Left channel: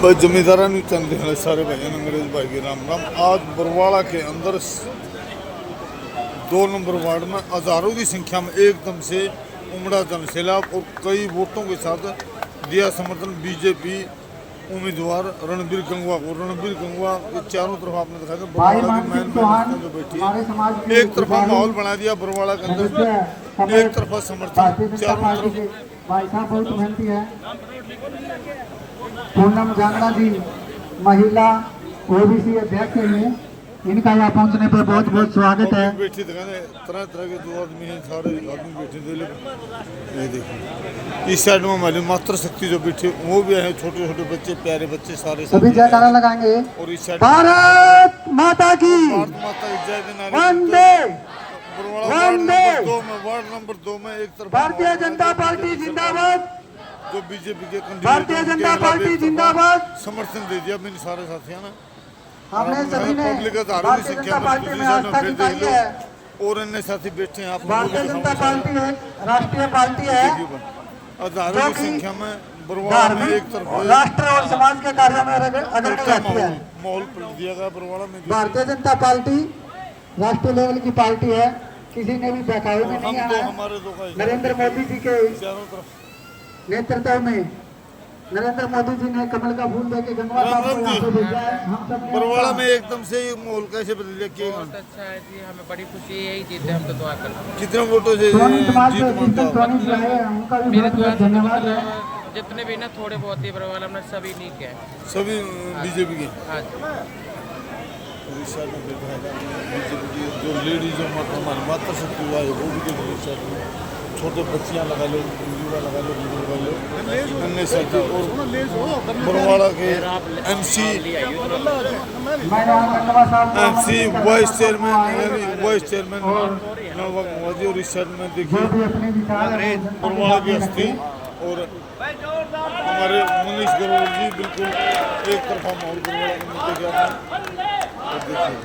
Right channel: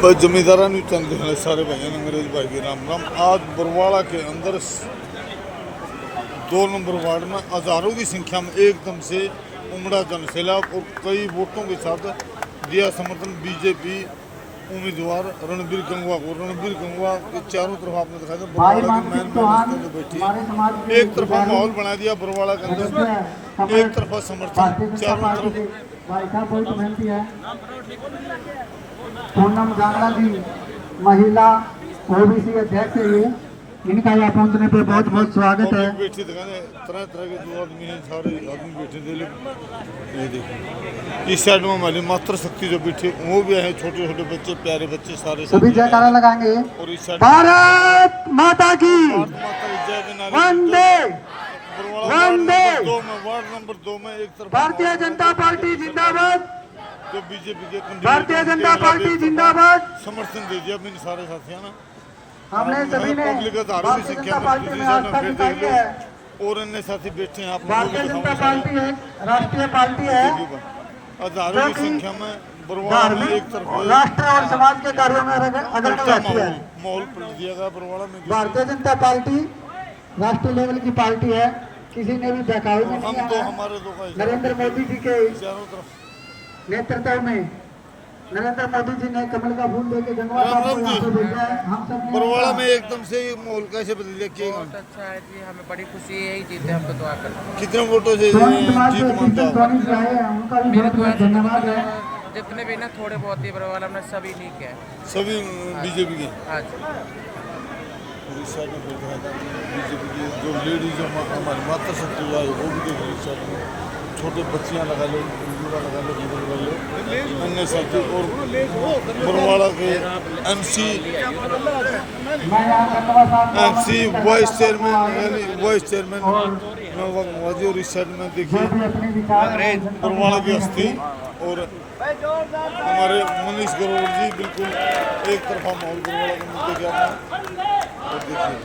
जमींदारा चंद सारे भाइयों अंग्रेज भाई के राम राम। आज बरवाड़ा के अंदर 2 नंबर वार्ड में हजारों की संख्या में एकदम से उमड़ा जनसैलाब और कई वोटों के साथ दिया समर्थन बीजेपी उम्मीदवार रणबीर गंगवा को। रणबीर गंगवा के चारों तरफ आपने दिखाया था बरवाड़ा की मैन जो बैठी है, एक तरफा माहौल बना दिया बरवाड़ा के अंदर, एक तरफा समर्थन चारों तरफ। पूनम जांगड़ा जी महिला ओबीसी अध्यक्ष है, इनका यहाँ पहुँचने पर बहुत बहुत स्वागत है। बैठी तरह तरह के जो आदमी हैं, सारे आदमी बैठे थे। ये देखिए इस साइड में हमारी मातृ शक्ति जो बैठी वो भी है, छोटे छोटे बच्चे प्यारे बच्चे सारे सभी जयकारा लगाएंगे। और इस साइड भारत माता की भारत माता की जय के नारे। वार्ड नंबर 2 में एक तरफ भारतीय जनता पार्टी जिंदाबाद, जो बीजेपी के भारतीय जनता पार्टी जिंदाबाद। समर्थन दे दिया मेरे सारे साथियों ने। हमने सभी ने पब्लिक भारतीय जनता पार्टी में आस्था दिखाई है और अन्य साथी बैठे हैं। आप भारतीय जनता पार्टी राष्ट्रीय पार्टी है, हजारों की संख्या में बरवाड़ा में एक तरफ राष्ट्र और समाज के कार्यों में अगर माहौल पलट दिया गया बरवाड़ा में। भारतीय जनता पार्टी राष्ट्रीय लेवल की पार्टी है, किसी ने भी बहकावे में नहीं आया। हमारे नरेंद्र मोदी जी के चारों तरफ नेतृत्व में नरेंद्र मोदी जी ने कमल का फूल लेके गंगवा साहब को यहाँ पे भेजा है। हम सब बरवाड़ा में एकदम से माहौल कैसे बदल गया? बहुत अच्छा है जी, हमें बड़ी खुशी है, यही जीते हम तो दुआ करते हैं। कितने वोटों से सोनी समाज जीत से मानते हो? सोनी जी आए हैं, उनका भी मेरे बहुत द्वारा बहुत धन्यवाद है। जितने भी ना थोड़े बहुत ही बरवाला में सभी लीक है, सभी बीजेपी के। हाँ जी। और इस साइड में बीजेपी की जो लेडीज हमारी माता शक्ति हुआ है वो भी देख लो। इस साइड में छोटे बच्चियाँ लगा लो, युवा लगा लो, बुजुर्ग लगा लो, अन्य साथी। और बरवाड़ा के एमसी वाइस चेयरमैन यानी वाइस चेयरमैन नवाब मोदी। और इस साइड में देखिए बरवाड़ा की हस्ती और हमारे मनीष ग्रोवर जी बिल्कुल एक तरफा माहौल बरवाड़ा के मुद्दे के आपने। और देखिए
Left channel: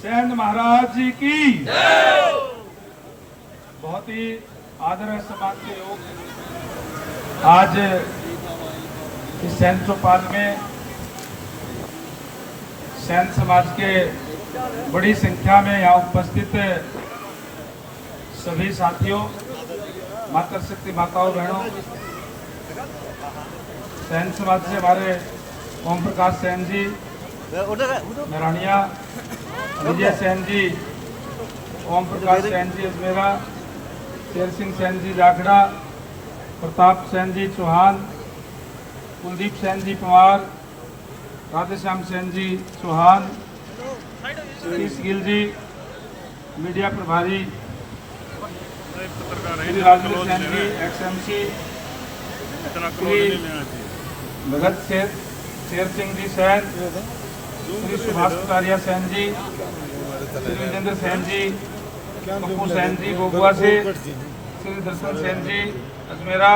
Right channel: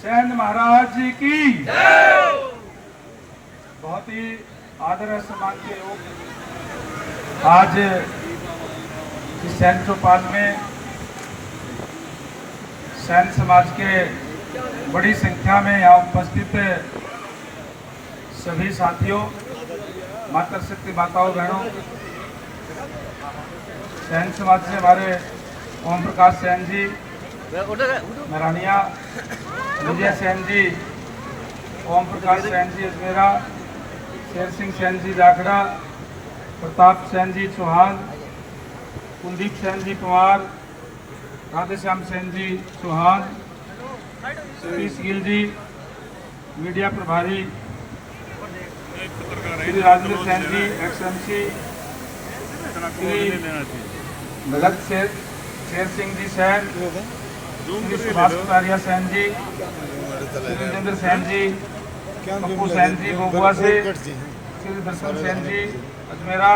सैन महाराज जी की बहुत ही आदर है समाज के लोग। आज इस सैन चौपाल में सैन समाज के बड़ी संख्या में यहाँ उपस्थित सभी साथियों, माता शक्ति माताओं बहनों, सैन समाज से हमारे ओम प्रकाश सैन जी नारायणिया, विजय सैन जी, ओम प्रकाश सैन जी अजमेरा, शेर सिंह सैन जी जाखड़ा, प्रताप सैन जी चौहान, कुलदीप सैन जी पवार, राधेश्याम सैन जी चौहान, सतीश गिल जी मीडिया प्रभारी, श्री राजवीर सैन जी XMC, Shri Bhagat Sher Singh ji San, Shri Subhash कुमारिया San जी, राजेंद्र सैन जी, पप्पू सैन जी गोगुआ से, श्री दर्शन सैन जी अजमेरा,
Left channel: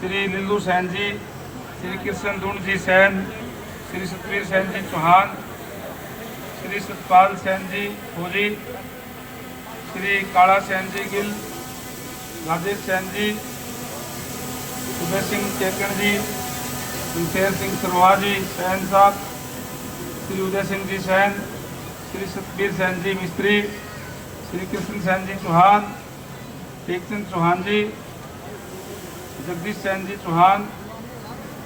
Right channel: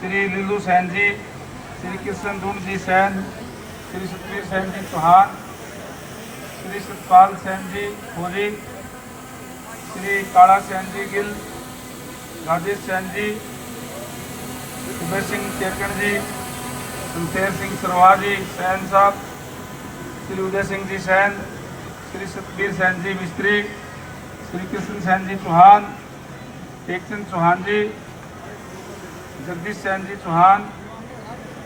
श्री लिल्लू सैन जी, श्री कृष्ण धुंड जी सैन, श्री सतवीर सैन जी चौहान, श्री सतपाल सैन जी भोरी, श्री काला सैन जी गिल, राजेश सैन जी, सुबह सिंह टेकड़ जी, सुनतेर सिंह सरवा जी सैन साहब, श्री उदय सिंह जी सैन, श्री सतबीर सैन जी मिस्त्री, श्री कृष्ण सैन जी चौहान, टेकचंद चौहान जी, जगदीश सैन जी चौहान,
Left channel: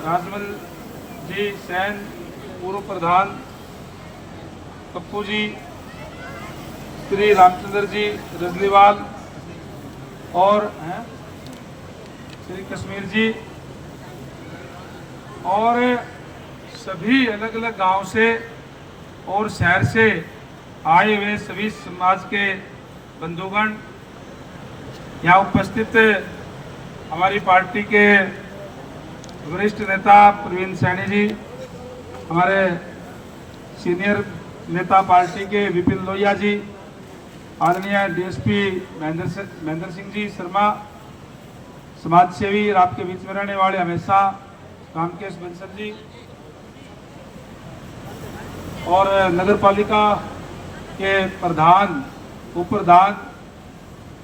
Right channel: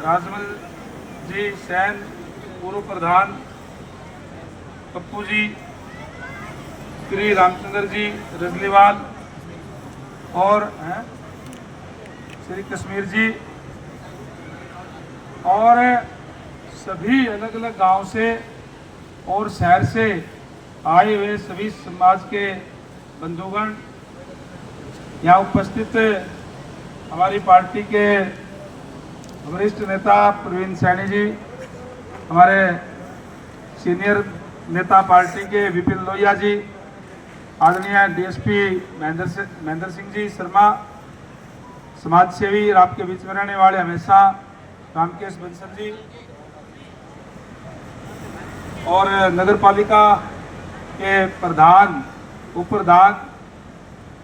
राजमल जी सैन पूर्व प्रधान, पप्पू जी, श्री रामचंद्र जी रजलीवाल और श्री कश्मीर जी और सभी अलग अलग गांव से और शहर से आए हुए सभी समाज के बंधुगण, यहाँ उपस्थित हमारी पार्टी के वरिष्ठ नेता प्रवीण सैनी जी, हमारे सीनियर नेता पार्टी के विपिन लोहिया जी, आदरणीय DSP महेंद्र सिंह जी शर्मा, समाज सेवी और आपके बीच में रहने वाले हमेशा रामकेश बंसल जी और नगर पालिका के प्रधान, उप प्रधान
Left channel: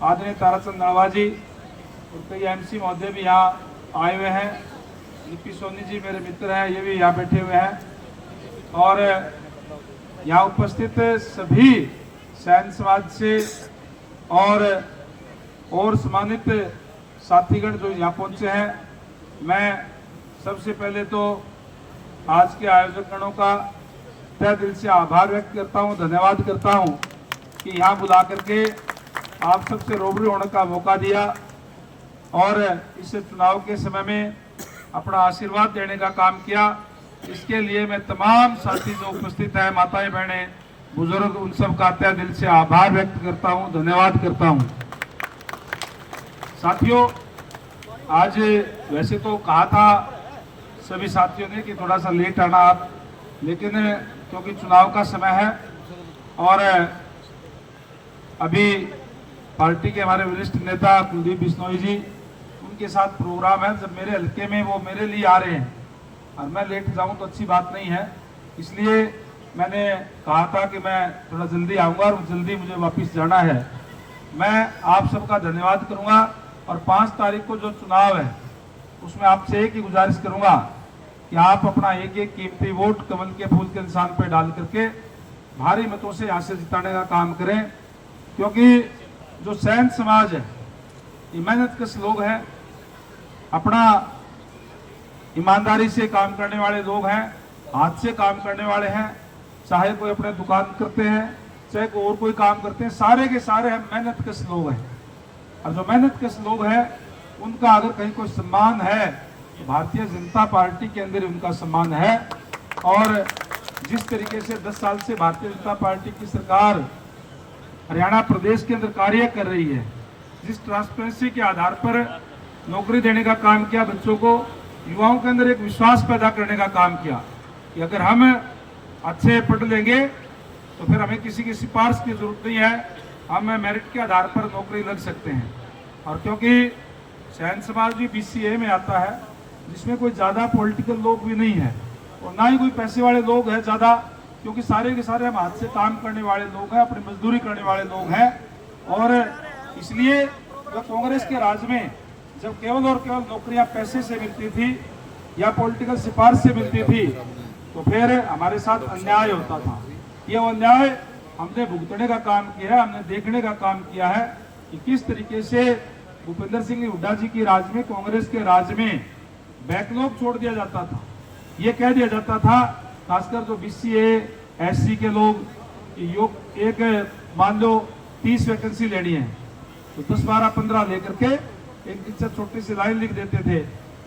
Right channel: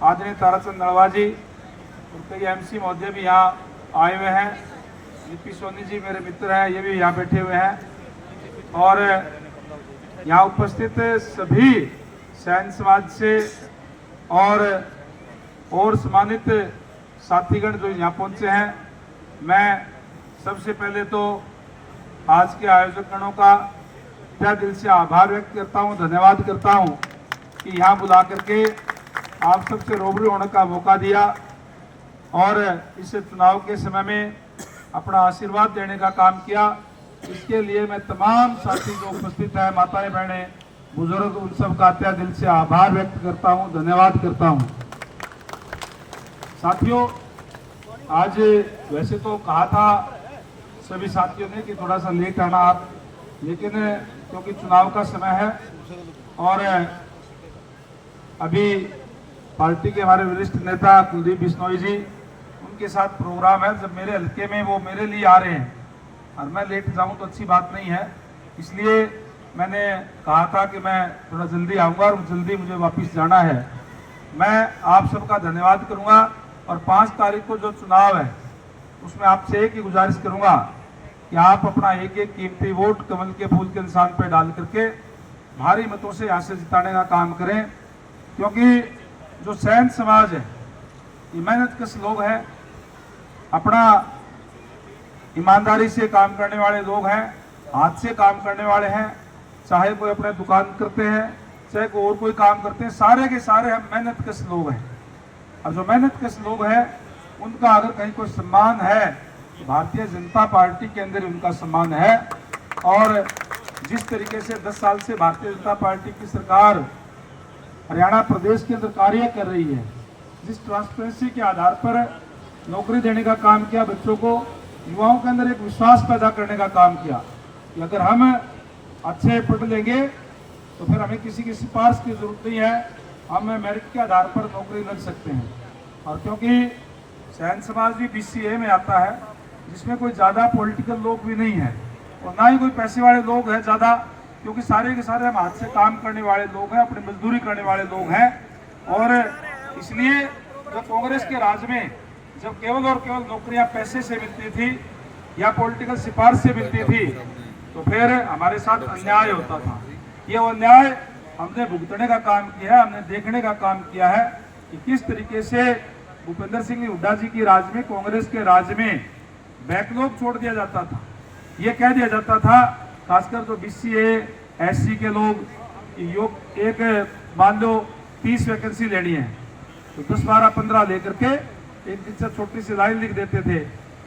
आदरणीय ताराचंद नड़वा जी और कई एमसी महोदय भी यहाँ आए हुए हैं। लिपि सोनी जी मेरे मित्र हैं, ये भी यहाँ बैठे हुए हैं। और यहाँ उपस्थित सभी सैन समाज से और सम्मानित साथीगण जो यहाँ पहुंचे हैं, मैं सबसे पहले तो आज के आयोजकों का तहे दिल से आभार व्यक्त करता हूँ, धन्यवाद करता हूँ कि यहाँ बुला करके आप सबसे रूबरू होने का मौका दिया और इस चुनाव के समय में अपना आशीर्वाद देने का काम किया। इसके लिए मैं तमाम साथी जो उपस्थित हैं, माताएं बहनें बुजुर्ग, उन सब का तहे दिल से आभार व्यक्त करता हूँ, धन्यवाद करता हूँ। साथियों, आज वैसे तो कहा था सभी साथियों ने कि थोड़ा सा लेट आना आप, लेकिन क्योंकि चुनाव का समय है और अभी पार्टी के हमारे वरिष्ठ नेता कुलदीप बिश्नोई जी, उनके साथ प्रोग्राम है जब मेरे हल्के में, वो मेरे लिए आ रहे हैं और मैं लेट जाऊं तो अच्छी बात नहीं है। इसलिए मैंने कहा था कि मैं थोड़ा जल्दी आऊंगा और जल्दी मुझे वापस जाना है। मैं आप सबका धन्यवाद करूंगा और 5 तारीख को जो चुनाव है उसमें आपसे एक ही गुजारिश करूंगा कि आप अपना एक एक कीमती वोट कमल के फूल के निशान पर डाल करके भारी मतों से यहाँ से जिताने का काम करें, क्योंकि जो सैन समाज है ये मेहनतकश लोग हैं, अपना ईमानदारी से काम करने वाले लोग हैं, हाथ से काम करने वाले हैं। चाहे कोई अपने दुकान करते हैं, चाहे कोई और कोई काम करते हैं, सारे के सारे हम मेहनतकश लोग हैं। और जो मेहनतकश लोग हैं उनका अगर कहीं कोई सम्मान है तो भारतीय जनता पार्टी के अंदर उनका सम्मान है। और जिस तरीके से 10 साल से भारतीय जनता पार्टी की सरकार हरियाणा प्रदेश के अंदर कार्य कर रही है, जिस ट्रांसपेरेंसी के आधार पर नौकरी देने का काम किया, बच्चों को, युवाओं के अंदर एक विश्वास पैदा करने का काम किया कि अगर हम अच्छे पढ़ लेंगे तो फिर हमें किसी की सिफारिश की जरूरत नहीं है, हम मेरिट के आधार पर नौकरी लग सकते हैं। और क्योंकि सैन समाज भी BCA में आता है, जिसमें कोई ज़्यादा पॉलिटिकल लोग भी नहीं है और ना ही कोई पैसे वाले लोग हैं ज़्यादा, क्योंकि सारे के सारे हम हाथ से काम करने वाले लोग हैं, अपनी मजदूरी करने वाले लोग हैं। और इसलिए जो कांग्रेस के राज में जब केवल और केवल नौकरियां पैसे से मिलती थी या पॉलिटिकल सिफारिश से मिलती थी तो फिर हमारे साथ अन्याय होता था। ये अन्याय हमने भुगतने का काम किया है, हमने देखने का काम किया है कि किस तरीके से भूपेंद्र सिंह हुड्डा जी की राज में, कांग्रेस के राज में बैकलॉग छोड़ दिया जाता था। ये कह दिया जाता था, खासकर जो BCA SC के लोग, एक मान लो 30 वैकेंसी लेनी है तो 10, 12, 15 लेकर के एक दिन छोटी सी लाइन लिख देते थे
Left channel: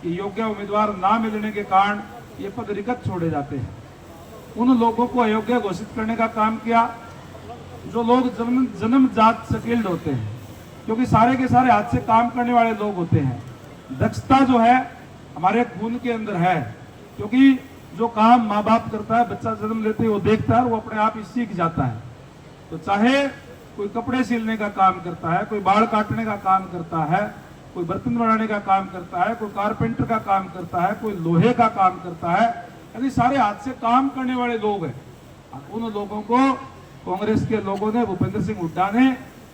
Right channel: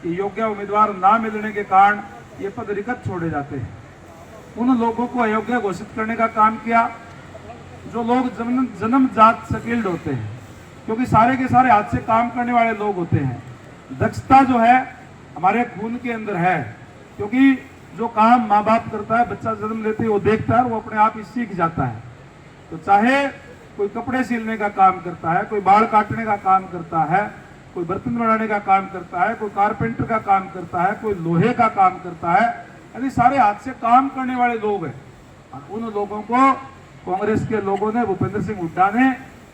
कि योग्य उम्मीदवार ना मिलने के कारण ये पद रिक्त छोड़े जाते हैं। उन लोगों को अयोग्य घोषित करने का काम किया जो लोग जन्मजात स्किल्ड होते हैं, क्योंकि सारे के सारे हाथ से काम करने वाले लोग होते हैं। दक्षता जो है हमारे खून के अंदर है, क्योंकि जो काम माँ बाप करता है, बच्चा जन्म लेते ही वो देखता है, वो अपने आप ही सीख जाता है। तो चाहे कोई कपड़े सिलने का काम करता है, कोई बाल काटने का काम करता है, कोई बर्तन बनाने का काम करता है, कोई कारपेंटर का काम करता है, कोई लोहे का काम करता है, यानी सारे हाथ से काम करने वाले लोग हैं। उन लोगों को कांग्रेस के लोगों ने, भूपेंद्र सिंह हुड्डा ने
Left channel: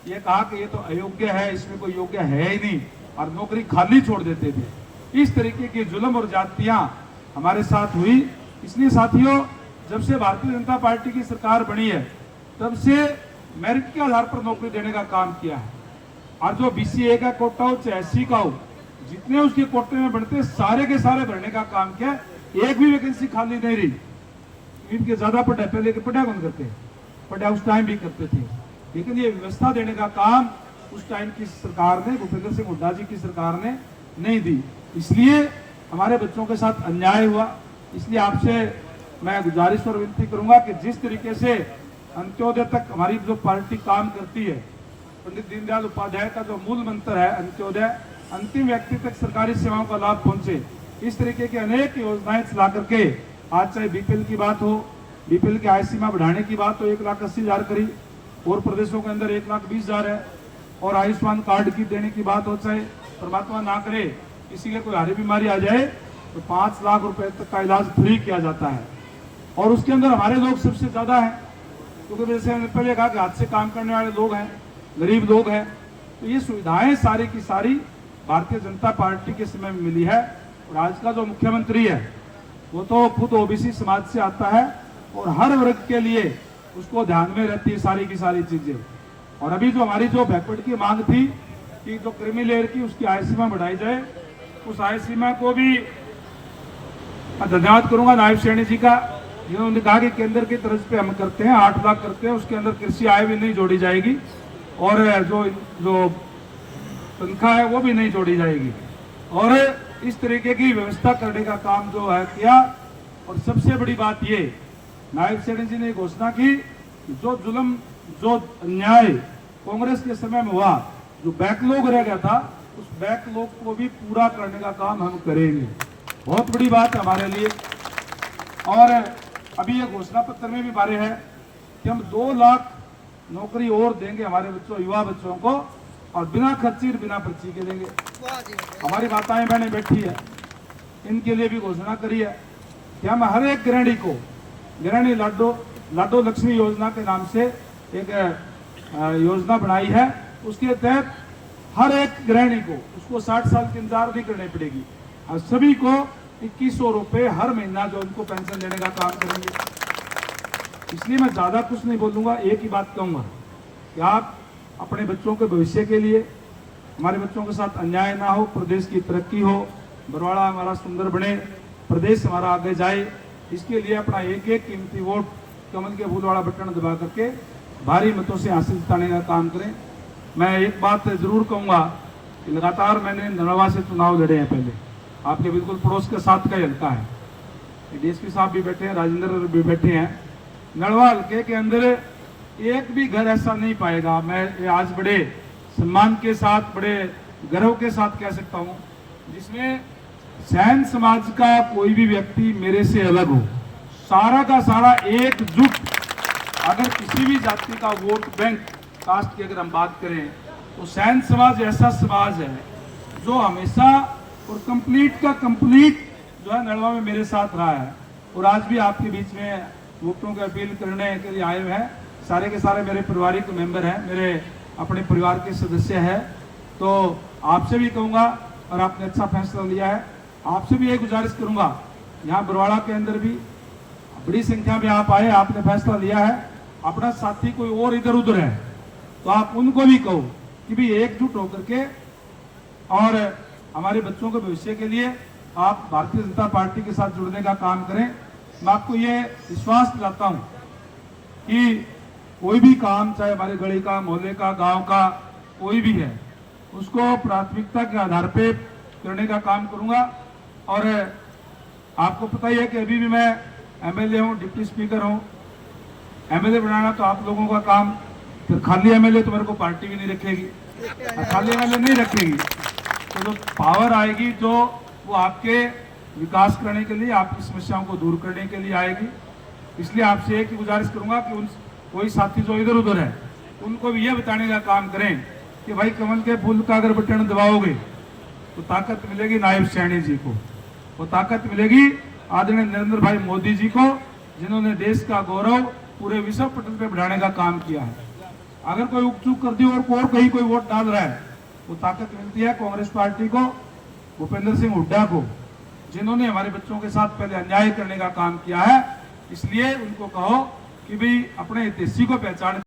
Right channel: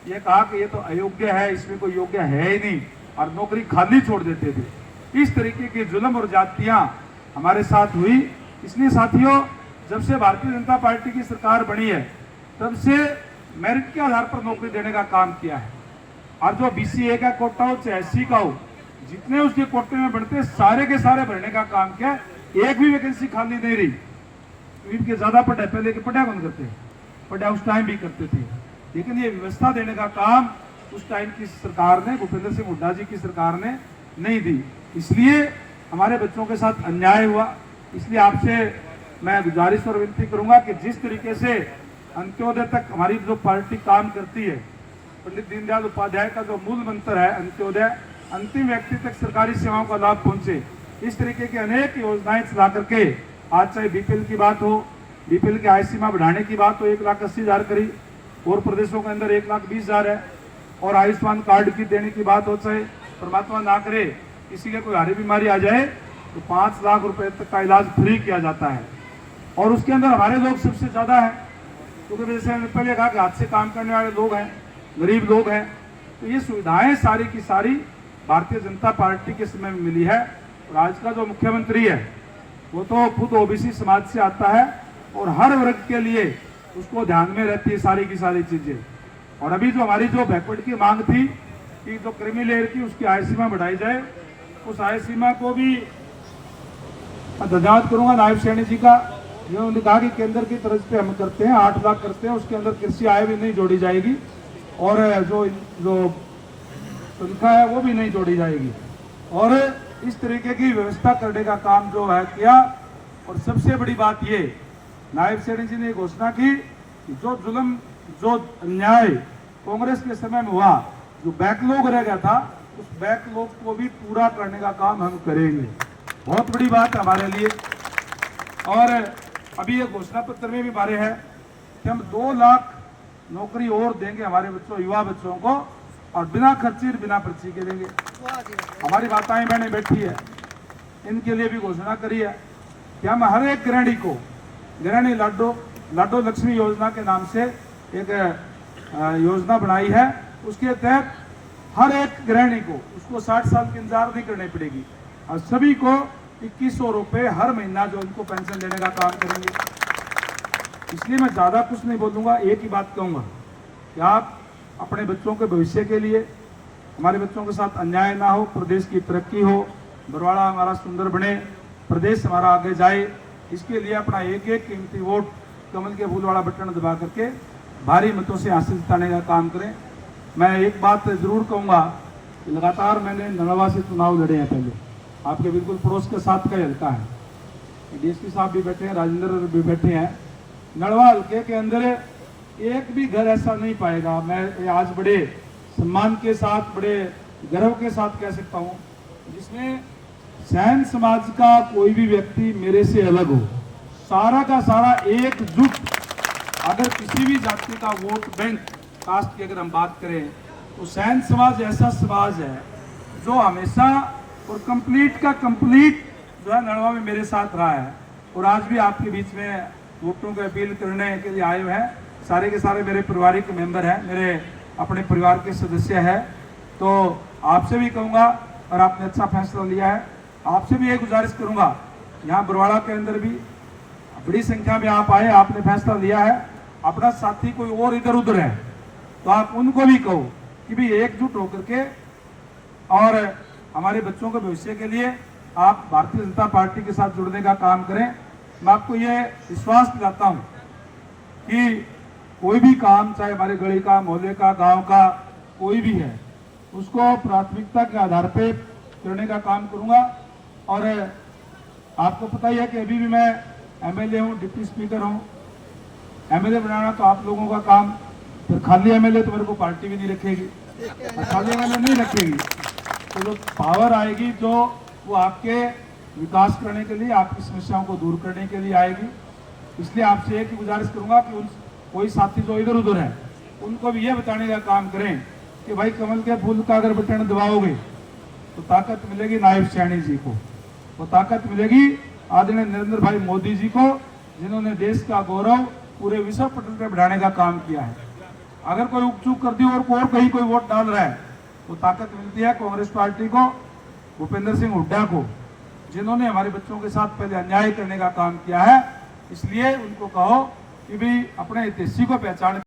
ये कहा कि ये तो अयोग्य है, इसमें कोई योग्य है ही नहीं, और नौकरी खाली छोड़ देते थे। इस तरीके की जुल्म और जातियां हमारे साथ हुई। इसलिए साथियों, जब से भारतीय जनता पार्टी की सरकार बनी है तब से मेरिट के आधार पर नौकरी देने का काम किया है। और जो BCA का कोटा हो चाहे SC का हो, जितने उसके कोटे में बनते सारे के सारे भरने का काम किया। एक भी वैकेंसी खाली नहीं रही। इनके ज्यादा पढ़े, पहले के पढ़ा कौन करते, पढ़ा उस टाइम भी करते थे, लेकिन ये व्यवस्था देने का काम उस टाइम की सरकार ने, भूपेंद्र सिंह हुड्डा जी की सरकार ने नहीं दी। इसलिए हमारे बच्चों के साथ अन्याय हुआ। इसलिए आपसे मैं गुजारिश और विनती करूंगा कि जिस तरीके से अंत्योदय तक हमारी जो पार्टी काम करती है, पंडित दीनदयाल उपाध्याय का जो मूल मंत्र है अंत्योदय, अंतिम व्यक्ति तक सरकारी सेवाओं का लाभ पहुंचे, इस तरीके की अनेक योजनाएं चला करके आज चाहे BPL की बात हो, BPL की आय सीमा बढ़ाने की बात हो, 1,80,000 करी, और प्रदेशों के अंदर 1,20,000 है, और आयुष्मान कार्ड की देने की बात हो, चाहे परमात्मा ना करे किसी के कोई हारी बीमारी आ जाए तो 5 लाख रुपए तक का इलाज फ्री किया जाता है। और उसके अंदर हमारे लोग सबसे ज्यादा हैं, क्योंकि जैसे हमने पहले कहा कि हाथ से काम करने वाले लोग हैं, गरीब लोग हैं, तो ये सुविधाएं सारी की सारी भारतीय जनता पार्टी के समय में मिली है। और आज का जो मुख्यमंत्री है वो तो खुद ओबीसी समाज से आता है और हर वर्ग के लिए उसको ध्यान में रहती है सारी की सारी चीजें। और अभी जो हमारी जो बैकवर्ड की मांग थी कि जो क्रीमी लेयर की उसकी आय सीमा बढ़ाई जाए, उस आय सीमा को भी धन्यवाद करूंगा नायब श्रेणी जी का, जिन्होंने कहा कि केंद्र की तरफ पे हम करते हैं 8 लाख करते हैं, उसके अंदर कृषि आय भी नहीं जोड़ी जाएगी और जो तनख्वाह है वो भी नहीं जोड़ी जाएगी। और इस तरीके की व्यवस्था करने का काम जो है किया। और सबसे बड़ी बात ये नायब श्रेणी जी ने घोषणा की कि जो जुल्म जो अन्याय कांग्रेस के समय में हुआ, जो बैकलॉग रह गया था, उस बैकलॉग को भी पूरा करने का काम हम करेंगे। बहुत बड़ी बात हमारे लिए। और अभी ये घोषणा पत्र में भी बारे है कि हम 2 लाख नौकरी और देंगे हमारे बच्चों, युवा बच्चों को, और बिना खर्ची बिना पर्ची के देंगे। हमारी माताएं बहनें बैठी है, इनके लिए भी घोषणा करी है कि हम हर एक गृहिणी को गृहिणी लाडो लक्ष्मी योजना के नाम से एक योजना बनाई है। उसके तहत हर एक गृहिणी को उसको 60 साल की इंतजार नहीं करनी पड़ेगी और सभी को 2100 रुपये हर महीना जो उनको पेंशन देने का काम करेंगे। इसलिए मैं ज्यादा कुछ नहीं बोलूंगा, एक ही बात कहूंगा कि आप अपने बच्चों के भविष्य के लिए, हमारे बच्चों के साथ अन्याय ना हो, प्रदेश की तरक्की हो, बरवाड़ा हमारा सुंदर बने, प्रदेश हमारा आगे जाए, इसके लिए अपना एक एक कीमती वोट कमल के फूल वाला बटन दबा करके भारी मतों से हासिल जिताने का काम करें। मैं एक बात जरूर कहूंगा कि लगातार मैंने नड़वा से चुनाव लड़े हैं, पहले आपके बिल्कुल पड़ोस के साथ का हल्का है, डीएसपी साहब भी बैठे हैं, राजेंद्र भी बैठे हैं। नड़वा हल्के के अंदर एक भी घर ऐसा नहीं पाएगा, मैं आज बड़े सम्मान के साथ, बड़े गर्व के साथ कह सकता हूं, जिसमें सैन समाज का कोई भी व्यक्ति मेरे से अलग हो। सारा का सारा एकजुट, अगर किसी भी जाति का वोट बैंक कास्ट की अगर हम बात करें तो सैन समाज ऐसा समाज है जो हमेशा और कंप्लीट का कंप्लीट जो है नड़वा में मेरे साथ रहा है। और आज भी आपके बीच में वोटों की अपील करने के लिए आए हुए हैं। सारे के सारे मेरे पारिवारिक मेंबर हैं, मेरे अपने परिवार के सदस्य हैं। तो आपसे भी कहूँगा, और आपने अच्छा फैसला लिया है, आपसे भी ये गुजारिश करूँगा, यहाँ बरवाड़ा के अंदर भी बड़ी संख्या में आप आए, आपने फैसला लिया है, अपना साथी कोई और इधर उधर है तो आप उनको भी कहो कि भी एकजुट होकर के और हमारे बच्चों के भविष्य के लिए आप भारतीय जनता पार्टी के साथ जुड़ने का काम करें। मैं आपको ये विश्वास दिलाता हूं कि कोई भी काम, चाहे हमारे गली का, मोहल्ले का, गांव का कोई भी है, उसको प्राथमिकता के आधार पे करने का काम करूंगा। और आपको पता ही है कि अभी भी मैं एमएलए हूं, डिप्टी स्पीकर हूं। एमएलए बनाना तो आप लोगों का काम, फिर खाली एमएलए तो मेरे को पार्टी भी नहीं रखेगी, खाली एमएलए नहीं रखेगी। तो जो पावर आएगी जो वो आपके विकास करने के लिए, आपकी समस्याओं को दूर करने के लिए आएगी। इसलिए आपसे एक ही गुजारिश करूंगा कि उन कोई साथी जो इधर उधर है उनको भी ये बताने का काम करें कि भाई कमल के फूल का अगर बटन दबाओगे तो ताकत मिलेगी नायब श्रेणी जी को, वो ताकत मिलेगी आदरणीय नरेंद्र भाई मोदी जी को, जिन्होंने देश का गौरव पूरे विश्व पटल पे बढ़ाने का काम किया है। अगर कोई उकचूक कर दी और कहीं कोई वोट डाल रहा है तो ताकत मिलती है कांग्रेस पार्टी को, भूपेंद्र सिंह हुड्डा को, जिन्होंने हमारे बच्चों के साथ पहले अन्याय करने का काम किया है। इसलिए उनको कहो कि भाई अपने हितैषी को पहचान